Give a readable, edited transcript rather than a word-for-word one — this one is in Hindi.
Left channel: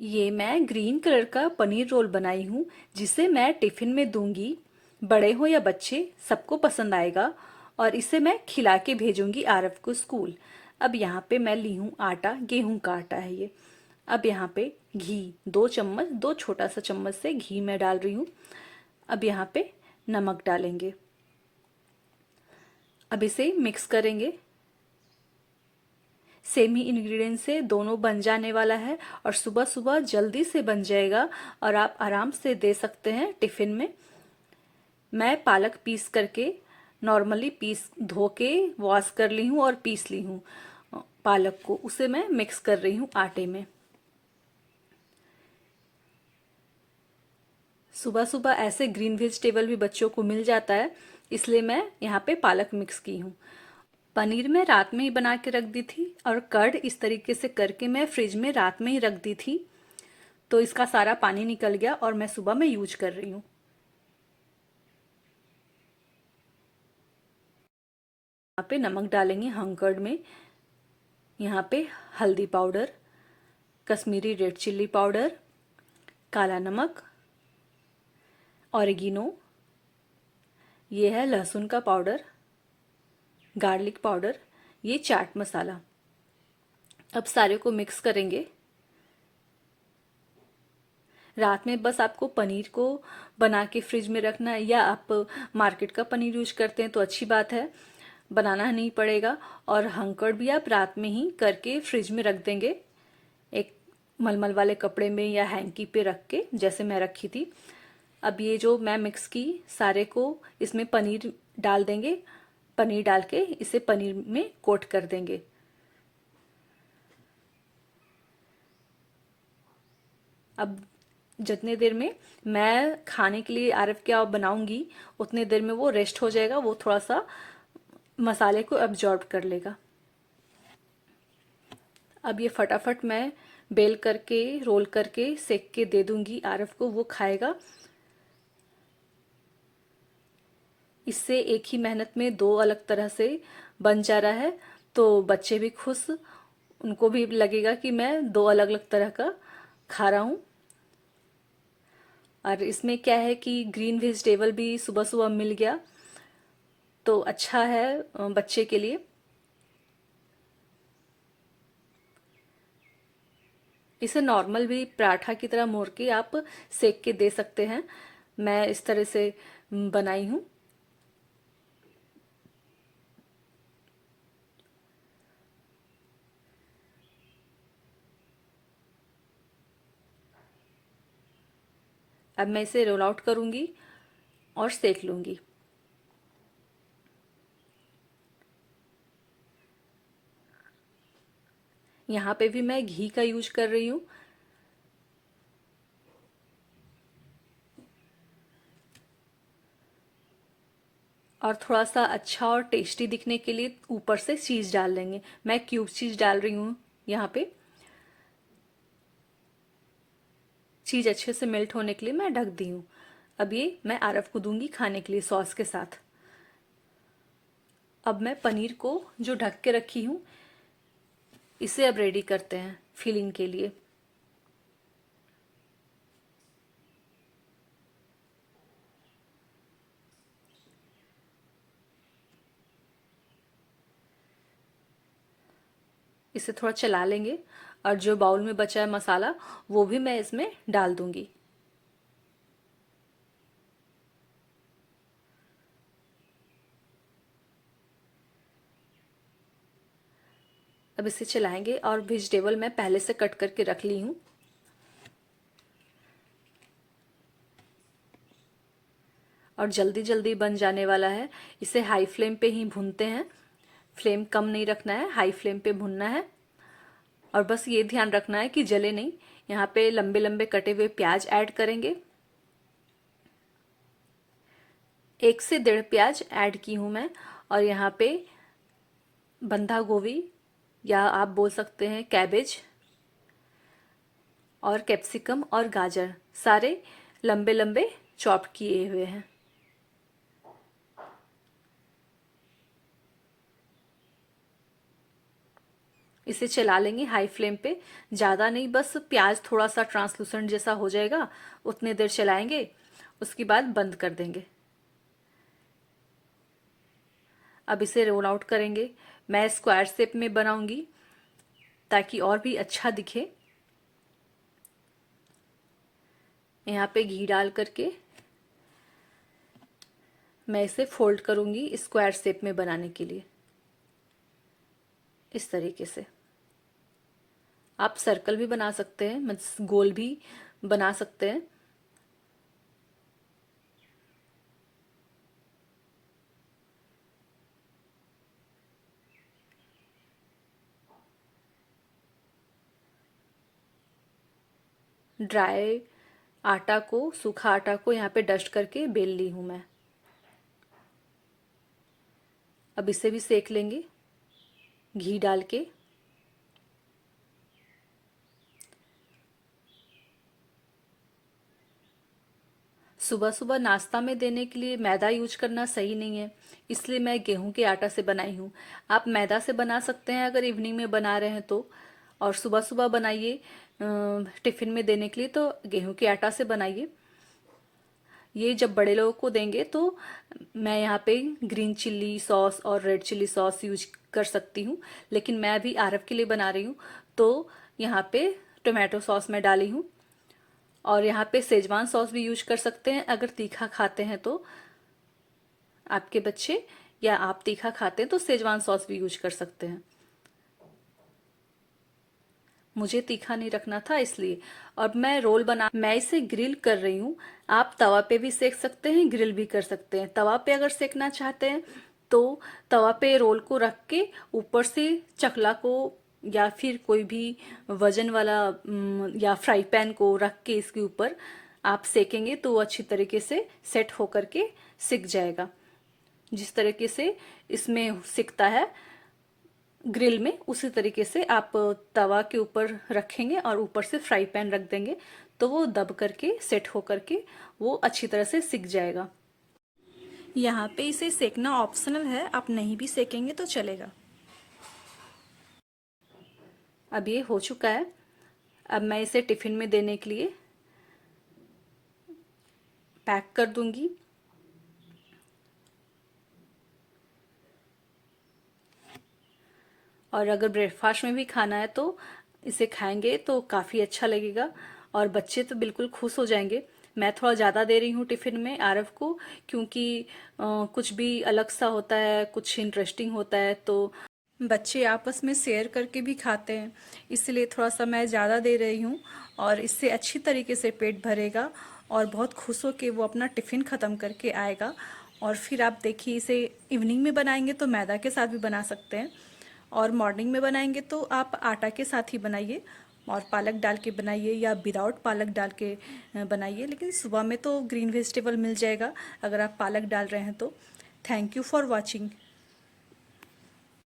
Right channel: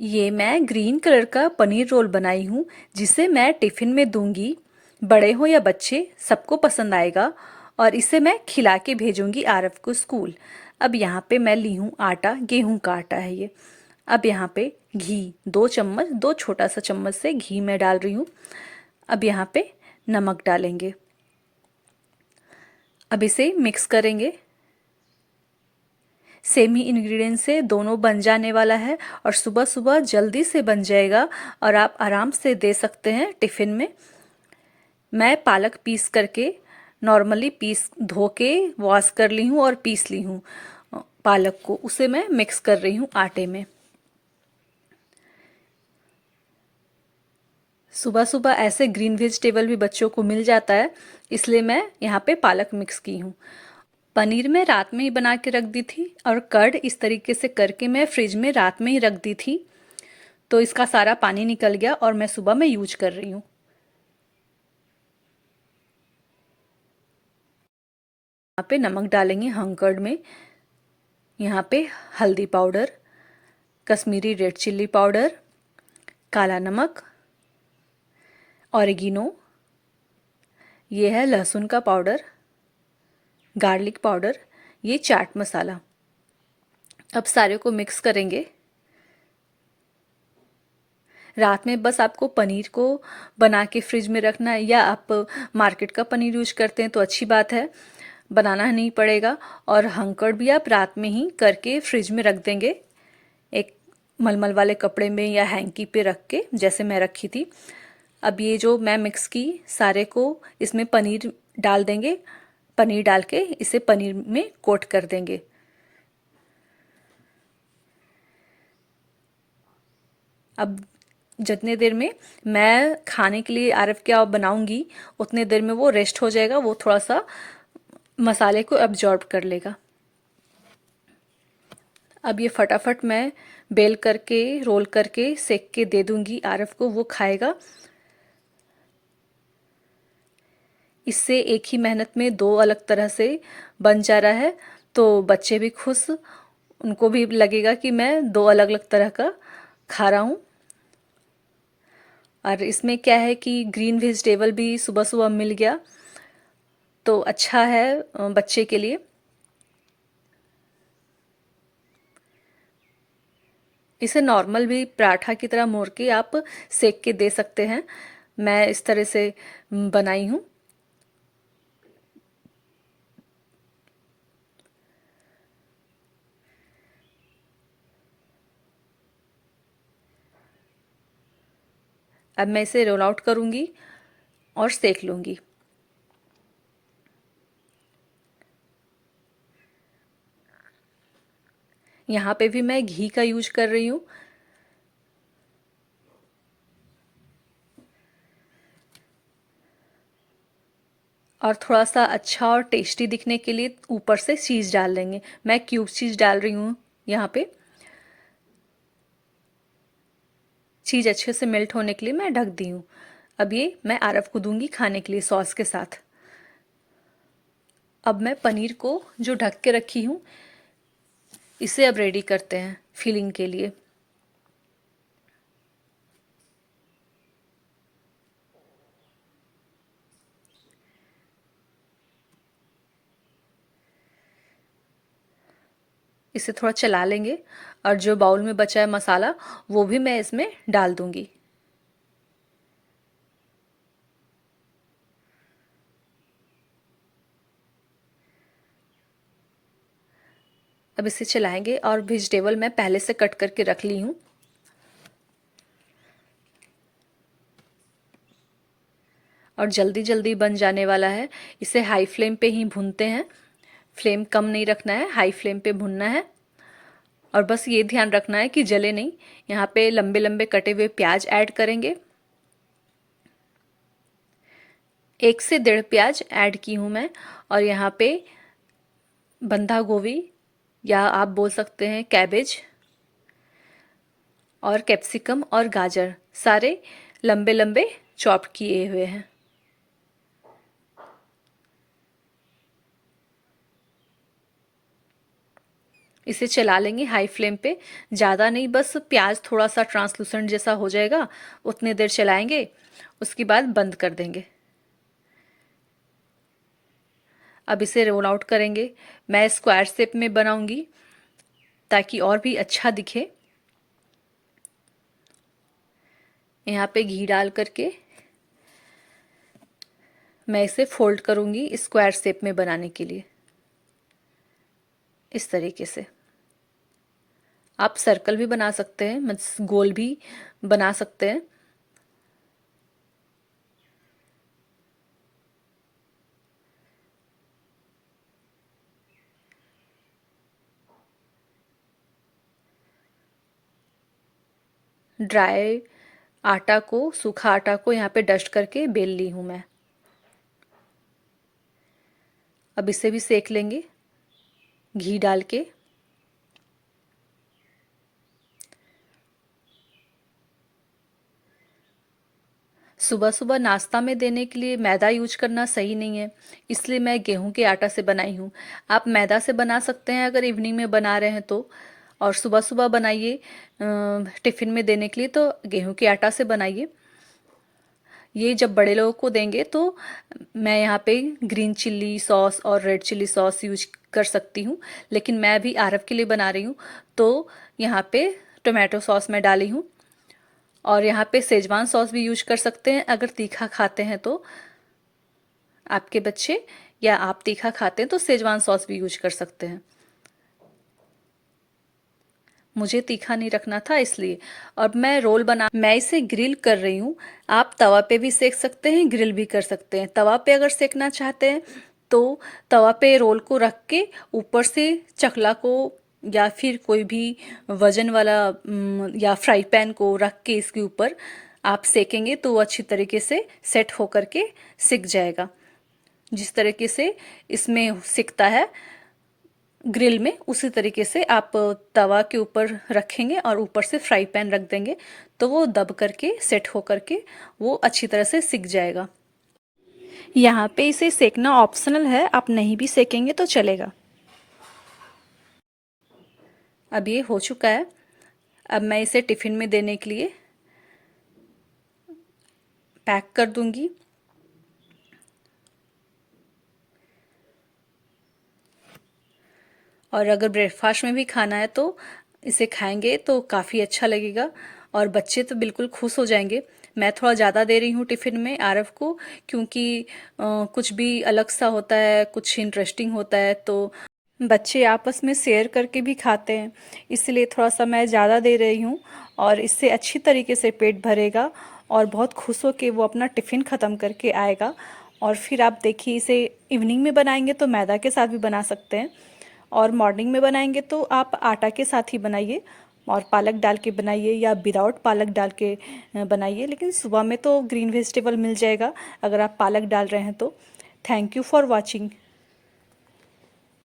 ये मैं ग्रीन कलर का पनीर रोल बनाई हूँ, जिसे मैं टिफ़िन में दूंगी। बड़े हो या बच्चे, सबको पसंद आएगा। और इसे मैं खिला के भेजूंगी आरव को स्कूल। अब यहाँ पे मैं ली हूँ आटा, गेहूं का आटा है ये। अब यहाँ पे घी, 2 चम्मच, 2 छोटा सा चम्मच से घी मैं डाल रही हूँ। अब यहाँ पे नमक डालेंगे। अब इसे मिक्स करेंगे। सेम ही इंग्रेडिएंट से दोनों बन जाने वाला है और सुबह सुबह जल्दी से बन जाएगा और आप आराम से दे सकते हैं टिफ़िन में। मैं पालक पीस करके, नॉर्मली पीस धो के वॉश कर ली हूँ और पीस ली हूँ पालक को। उसे मैं मिक्स कर रही हूँ आटे में। सुबह सुबह ऐसे ग्रीन वेजिटेबल भी बच्चों को मिल जाता है, इसलिए मैं यहाँ पे पालक मिक्स की हूँ। पनीर मैं रात में ही बना के रख दी थी और कर्ड इस तरीके से करके मैं फ्रिज में रात में ही रख दी थी, तो इसका सारा पानी निकल गया और मैं सुबह में यूज कर रही हूँ। यहाँ पे नमक डालेंगे हंग कर्ड में। यहाँ पे हल्दी powder, Kashmiri red chilli powder, काला नमक, ऑरिगेनो, ये है लहसुन का पाउडर, गार्लिक पाउडर, ये चाट मसाला। अब सारे को मिक्स करेंगे। रात में बस आपको पनीर को बना के फ्रिज में रखना है, या आप मार्केट का पनीर यूज करते हैं तो अच्छी बात है, बनाना नहीं पड़ेगा। और हंकड़ भी आप रात में ही करके फ्रिज में रख देंगे, एक मलमल वाले कपड़े में या हैंकी पे रख के, जैसे मैं रखी थी। अब ये जो मैं मिक्स की सारे को, इसमें पनीर डाल देंगे। पनीर डाल के इसे पनीर में कोट कर देंगे। अब जितने देर में मैं खाने के लिए आरव क्या बनाऊंगी, उतने देर में वो रेस्ट हो जाएगा, वो थोड़ा सा मसाले को एब्जॉर्ब कर लेगा। अब ये फटाफट मैं बेल करके, रोल करके, सेक के दे दूंगी आरव को, वो खाएगा। इससे एक ही मेहनत में दो अलग तरह से बन जा रहा है, तो बच्चे भी खुश, उनको भी लगेगा कि मैं दो अलग अलग तरह का खा रहा हूँ। और इसमें क्या है कि ग्रीन वेजिटेबल भी सुबह सुबह मिल गया, तो अच्छा है बच्चे के लिए। इसे नॉर्मल भी पराठा की तरह मोड़ के आप सेक के दे सकते हैं। मैं इस तरह से बनाई हूँ। अब मैं इसे रोल आउट करूँगी और सेक लूँगी। यहाँ पे भी मैं घी का यूज कर रही हूँ। और थोड़ा सा अच्छा और टेस्टी दिखने के लिए ऊपर से चीज़ डाल देंगे। मैं क्यूब चीज़ डाल रही हूँ यहाँ पे। चीज़ अच्छे से मेल्ट होने के लिए मैं ढक दी हूँ। अब ये मैं आरव को दूंगी खाने के लिए सॉस के साथ। अब मैं पनीर को जो ढक के रखी हूँ, इसे अब रेडी करते हैं फिलिंग के लिए। इसे थोड़ा चला लेंगे और जो बाउल में बचा है मसाला, वो भी मैं इसमें डाल दूंगी। अब इसे चलाएंगे और वेजिटेबल मैं पहले से कट करके रख ली हूँ। और जल्दी जल्दी बन जाने वाला है। इसे हाई फ्लेम पे ही भूनते हैं, फ्लेम कम नहीं रखना है, हाई फ्लेम पे भूनना है। और बस ये ध्यान रखना है कि जले नहीं। यहाँ पे लंबे लंबे कटे हुए प्याज ऐड करेंगे। 1 से 1.5 प्याज ऐड की हूँ मैं। और यहाँ पे बंधा गोभी, या आप बोल सकते हैं कैबेज, और कैप्सिकम और गाजर, सारे लंबे लंबे चॉप किए हुए हैं। इसे चला लेंगे हाई फ्लेम पे, ज़्यादा नहीं, बस प्याज थोड़ा सा ट्रांसलूसेंट जैसा हो जाएगा उतने देर चलाएंगे, उसके बाद बंद कर देंगे। अब इसे रोल आउट करेंगे। मैं स्क्वायर शेप में बनाऊंगी ताकि और भी अच्छा दिखे। यहाँ पे घी डाल करके मैं इसे फोल्ड करूंगी स्क्वायर शेप में बनाने के लिए। इस तरीके से आप सर्कल भी बना सकते हैं, मतलब गोल भी बना सकते हैं। ड्राई आटा को, सूखा आटा को यहाँ पे डस्ट करके बेल ली हूँ मैं। अब इसे भी सेक लेंगे घी डाल के। सुबह सुबह नाश्ता में देने के लिए मैदा यूज करना सही नहीं है, इसलिए मैं गेहूं के आटा से बनाई हूँ। आप मैदा से बना सकते हैं अगर इवनिंग में बना रहे हैं तो, और सुबह सुबह बनाइए टिफ़िन में देने के लिए तो गेहूं के आटा से बनाइए। ये जब बड़े लोगों को देंगे तो मैं यहाँ पे ग्रीन चिल्ली सॉस और रेड चिल्ली सॉस यूज कर सकती हूँ, लेकिन मैं अभी आरव के लिए बना रही हूँ तो यहाँ पे टोमेटो सॉस मैं डाली हूँ। और यहाँ पे सेजवान सॉस भी यूज कर सकते हैं अगर तीखा खाते हैं तो आपके बच्चे, या आप तीखा खाते हैं तो सेजवान सॉस भी यूज कर सकते हैं। मुझे तीखा नहीं रखना था इसलिए। अब मैं इसे ग्रिल कर रही हूँ। आप तवा पे भी सेक सकते हैं, ग्रिल भी कर सकते हैं। तवा पे अगर सेकना चाहते हैं तो तवा पे रोल को रख के ऊपर से चकला को या फिर कोई भी वजन वाला या फ्राई पैन को रख के इसके ऊपर आप सेकेंगे तो वो अच्छी तरीके से सेट होकर के सिक जाएगा। जिस तरीके से इसमें सिकता है ग्रिल में, उसी तरीके से आप तवा के ऊपर रखेंगे और ऊपर से फ्राई पैन रख देंगे तो वो दब करके सेट हो करके वो अच्छी तरह से सिक जाएगा। यहाँ पे इसे सेकना ऑप्शनल है, आप नहीं भी सेकेंगे तो चलेगा। अब ये हो चुका है। अब मैं इसे टिफ़िन में देने के लिए पैक कर दूंगी। और अगर ब्रेकफास्ट में भी खाना है तो इसे खाएंगे तो काफ़ी अच्छा लगेगा और बच्चे तो बिल्कुल खुश हो जाएंगे। मैं थोड़ा ज़्यादा दे रही हूँ टिफ़िन में आरव को, क्योंकि कुछ भी अलग सा होता है, कुछ इंटरेस्टिंग होता है तो बच्चे आपस में शेयर करके भी खाते हैं, इसलिए थोड़ा सा मैं ज़्यादा दे रही हूँ। और इससे अच्छी तरीके से पेट भरेगा और बहुत खुश हो के वो अपना टिफ़िन ख़त्म करके आएगा। और फिर आप देखिए, इसे इवनिंग में बनाएंगे तो मैदा के साथ भी बना सकते हैं, और मॉर्निंग में बनाएंगे तो आप आटा के साथ ही बनाइए और पालक डाल के बनाइए या विदाउट पालक डाल के बनाइए। लेकिन सुबह में तो ग्रीन वेजिटेबल मिल जाएगा अगर आप पालक डाल रहे हैं तो। Thank you for watching.